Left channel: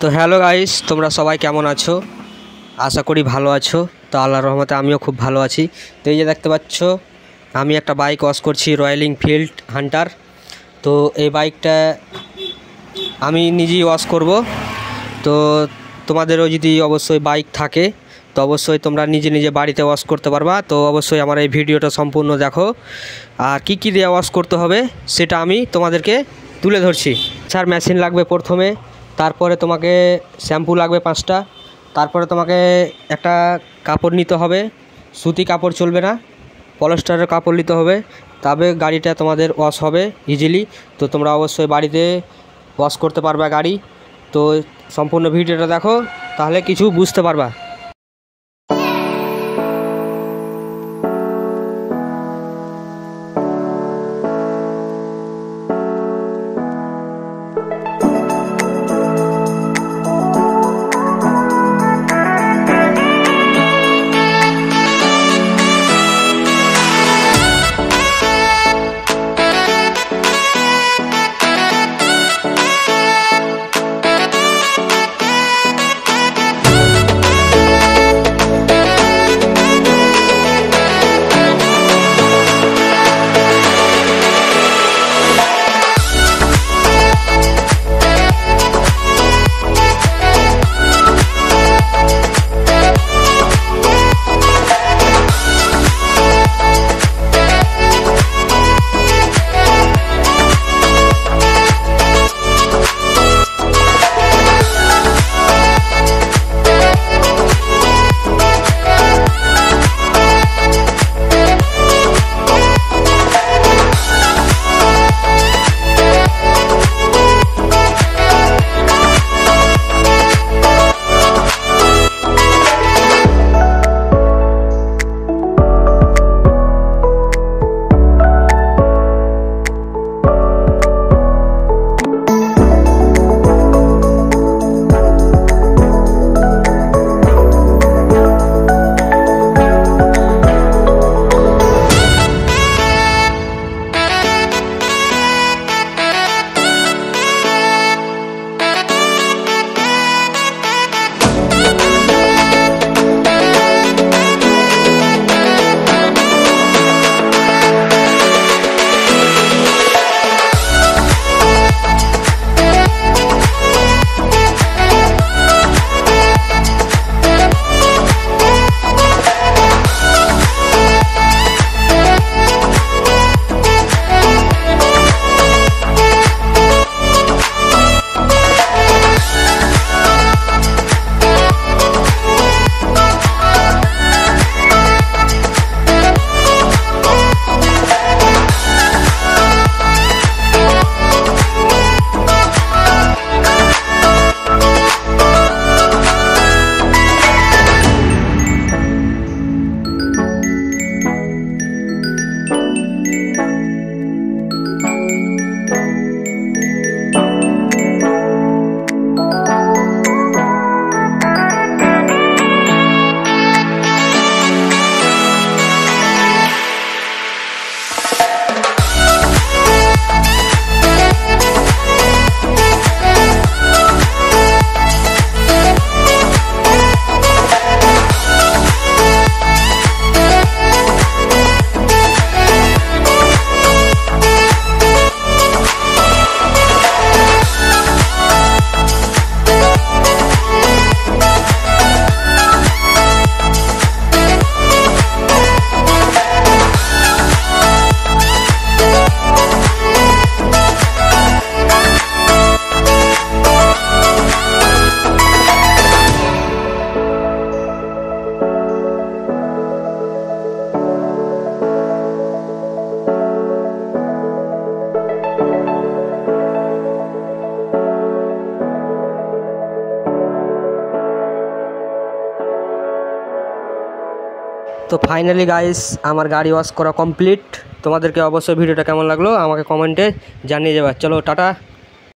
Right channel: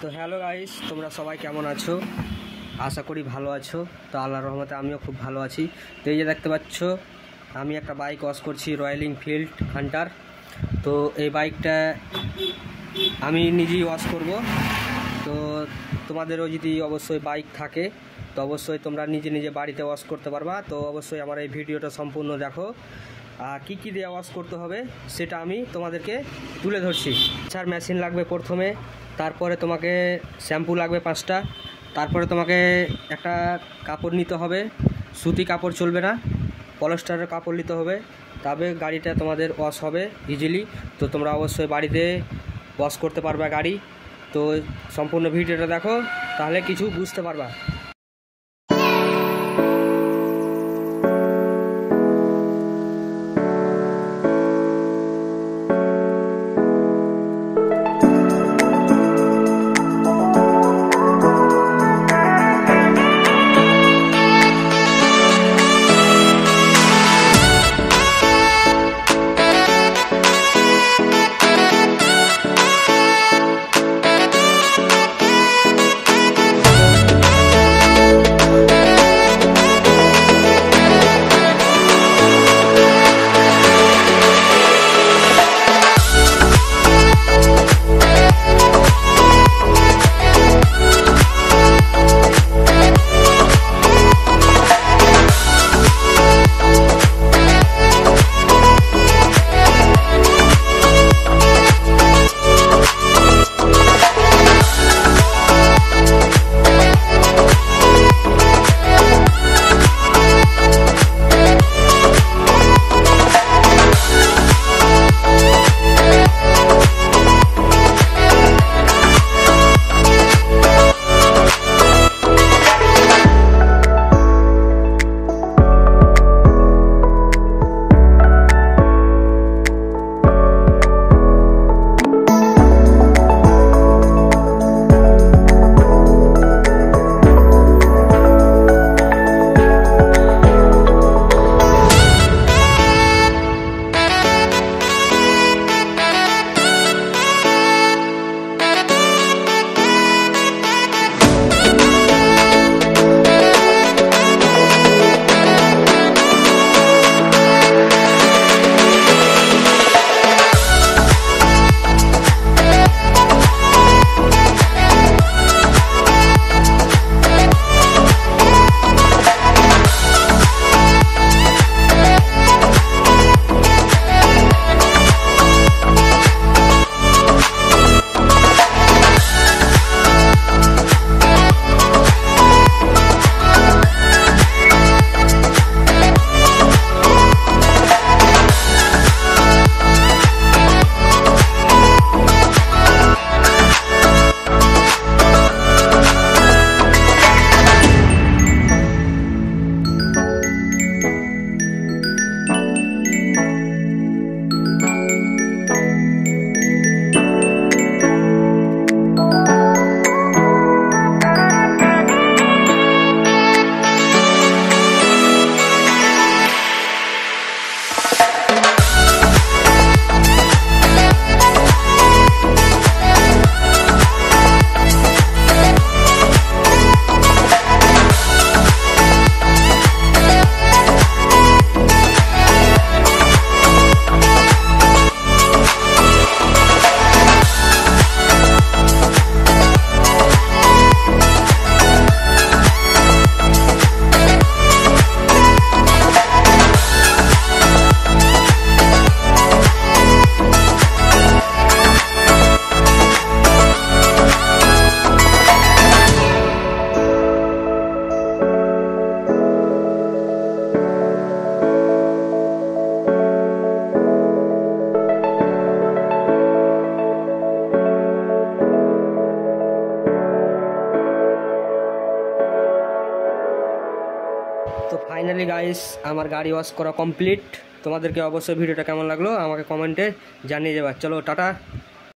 তো hello guys, তোমরা সবাই কেমন আছো? আশা করি ভালো আছো। তো আল্লাহর রহমতে আমিও খুব ভালো আছি। তো এই যে দেখতে পাচ্ছ, আমি একটা বাইক ওয়াশ করছি, রয়্যাল এনফিল্ড হান্টার। তো এই বাইকটা আমি নিজেই ওয়াশ করব। তো তোমাদেরও যদি অবশ্যই বাইক থাকে তো অবশ্যই তোমরা নিজে নিজে বাড়িতে ওয়াশ করতে পারবা। তো অবশ্যই আমার এই ভিডিওটা সম্পূর্ণ দেখো, আর কী কী দিয়ে ওয়াশ করতে হবে সেটা আমি তোমাদেরকে তুলে ধরছি। স্যার, মেশিন লাগবে প্রথমে, তারপরে তোমাকে শ্যাম্পু লাগবে 5টা, তারপরে তোমাকে একটা কাপড় নিতে হবে, সুতি কাপড় চলবে না, পলিস্টারের কাপড় নিতে হবে, তবে গাড়িটা তোমাদের ওয়াশ হবে ইজিলি। তো তোমরা অবশ্যই বাড়িতে ওয়াশ করতে পারবা গাড়ি। তো সম্পূর্ণ ভিডিওটা দেখো, তাহলে কিছু বুঝতে পারবা। তো ফাইনালি গাইস, আমার গাড়ি ওয়াশ করা কমপ্লিট। তোমাদেরকে অবশ্যই ভিডিওটা কেমন লাগলো আমাকে কমেন্টে জানিয়ে যাবে। চলো টাটা।